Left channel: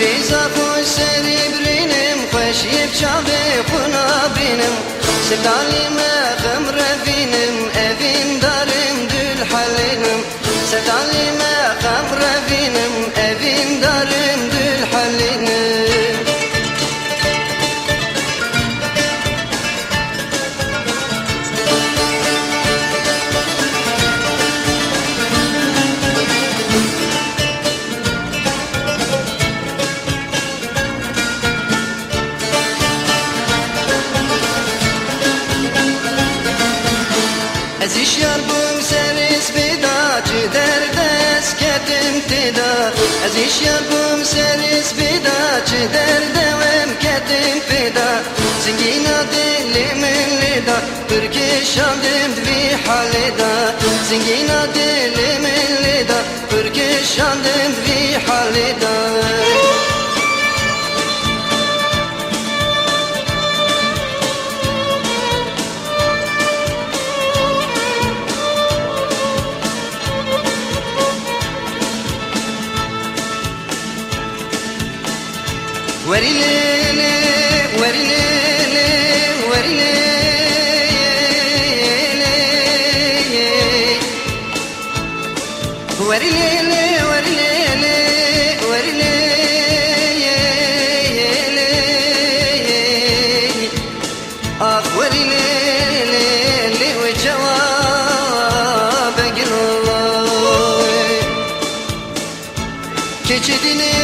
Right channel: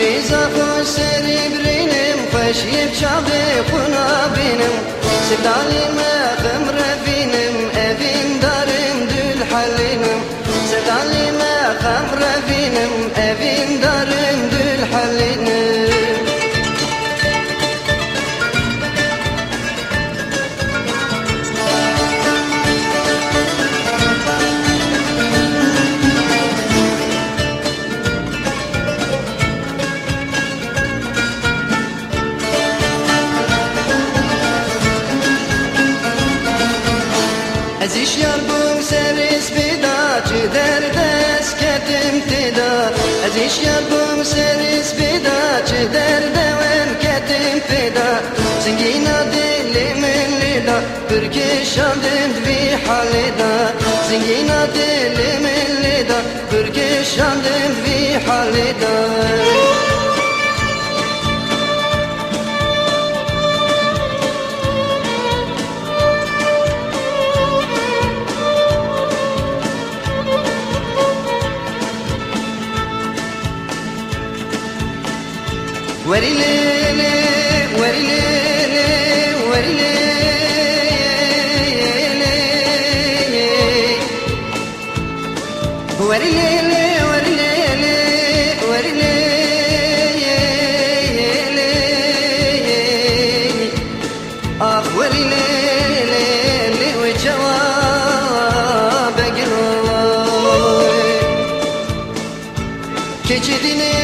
ریزا خوش سری برینم خوشیب چاوی خونا بینم سدانی مخم رفینم اوین دارم دل حلینم سدانی مخم رفینم اوین دارم دل حلینم ازیشیار بوم سریس بیدا چی دردس کتم تیدا ازیشیار بوم سریس بیدا چی دردم کتم تیدا زنگینا دلی من لیدا ترکشم دند بی حالیدا زنگینا دلی من لیدا ترکشم دند بی حالیدا وري ليلي وري ليلي وري ليلي وري ليلي وري ليلي وري ليلي آخ وري ليلي والجواب قلوي كجدني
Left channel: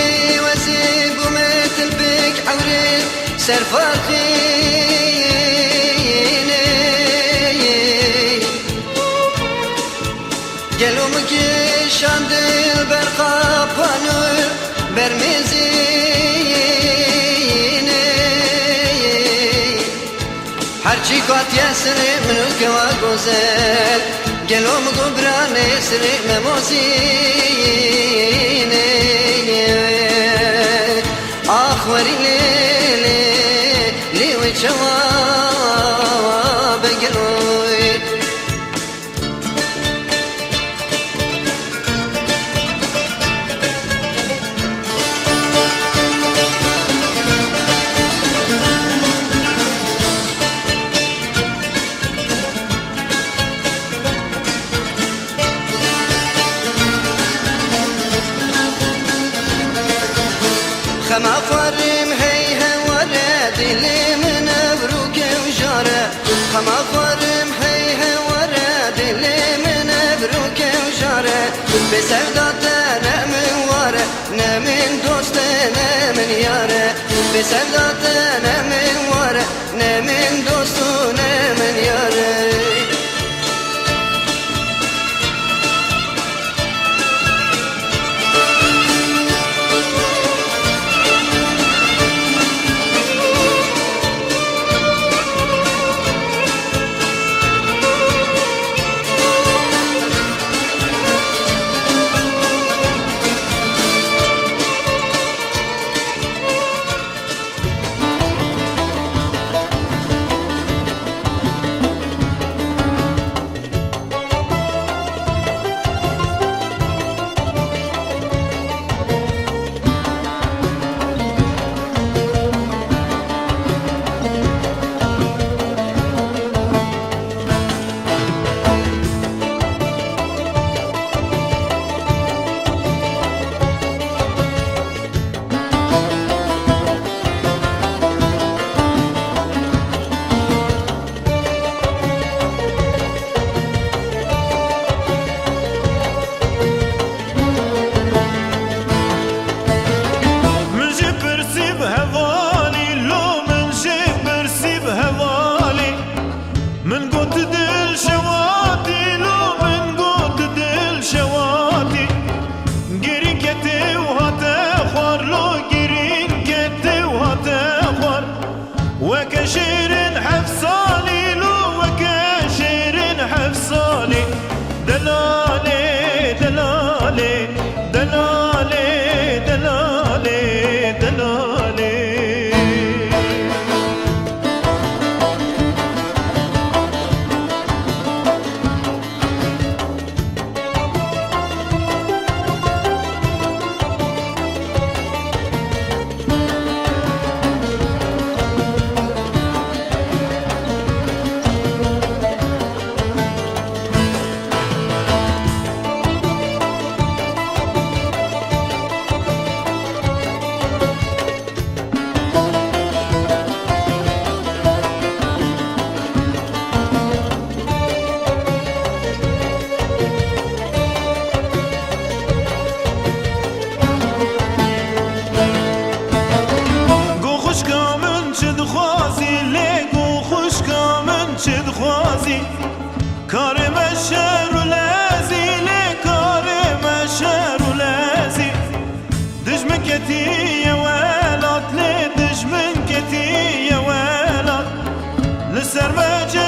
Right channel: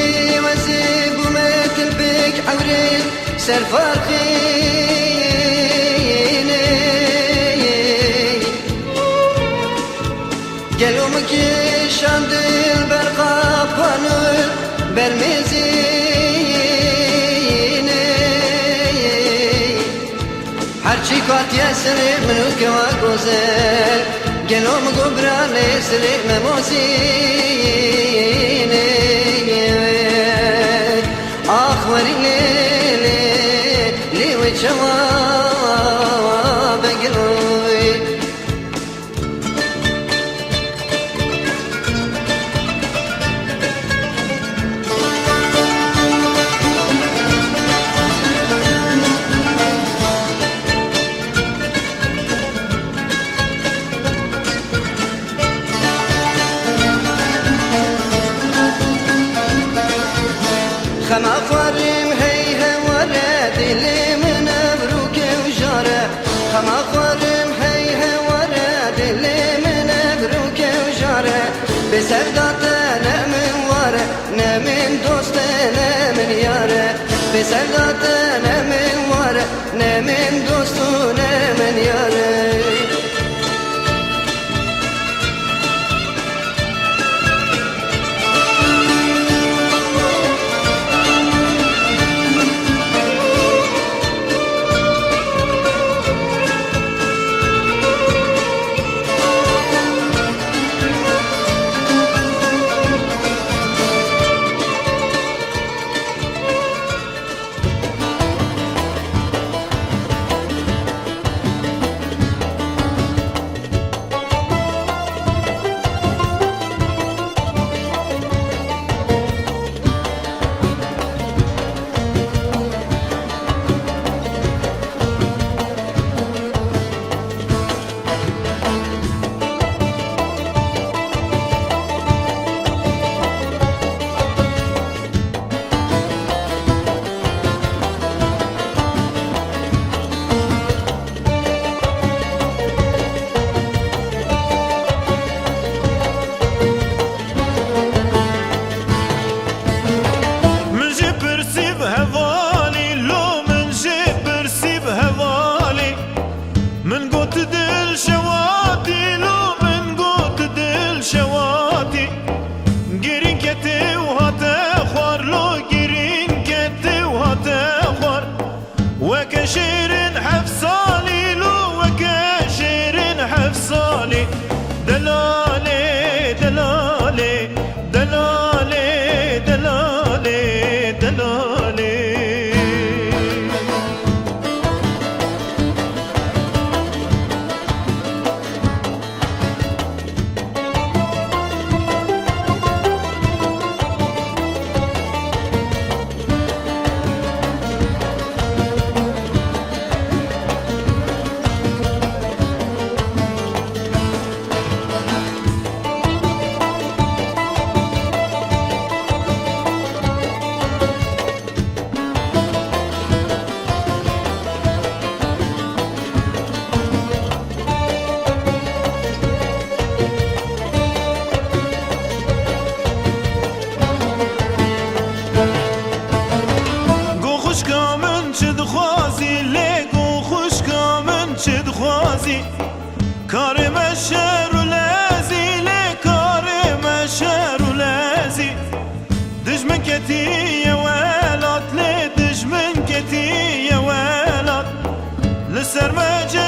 وزيق ومات البيك عوري سرفار خيني قالوا مكيش عند البرقى بانور برمزيني حرشي كوات ياسري منو كوا غوزل قالوا مقبراني سري مموزيني آخ وري ليلي لي وجواب قلوي خما فارم هيها ولد اللي من ابروك وجاره خما فارم هيها ولد اللي من ابروك وجاره بسردات انا من واره انا من دوست انا من ياره بسردات انا من واره انا من دوست انا من ياره من قوت دل شواتي لو من قوت دل شواتي قرين كتي وهاتا خوار لو قرين كتي وهاتا خوار وكشيرين حفصالي لو وكشيرين حفصالي دلالي دلالي دلالي دلالي دلالي دخوازی لگو خوشکا من چه دخوازی کار مشهر و لازی لکار مشهر و لازی دجمن کتی یا ولاد لی دجمن کتی یا ولاد لسر مجه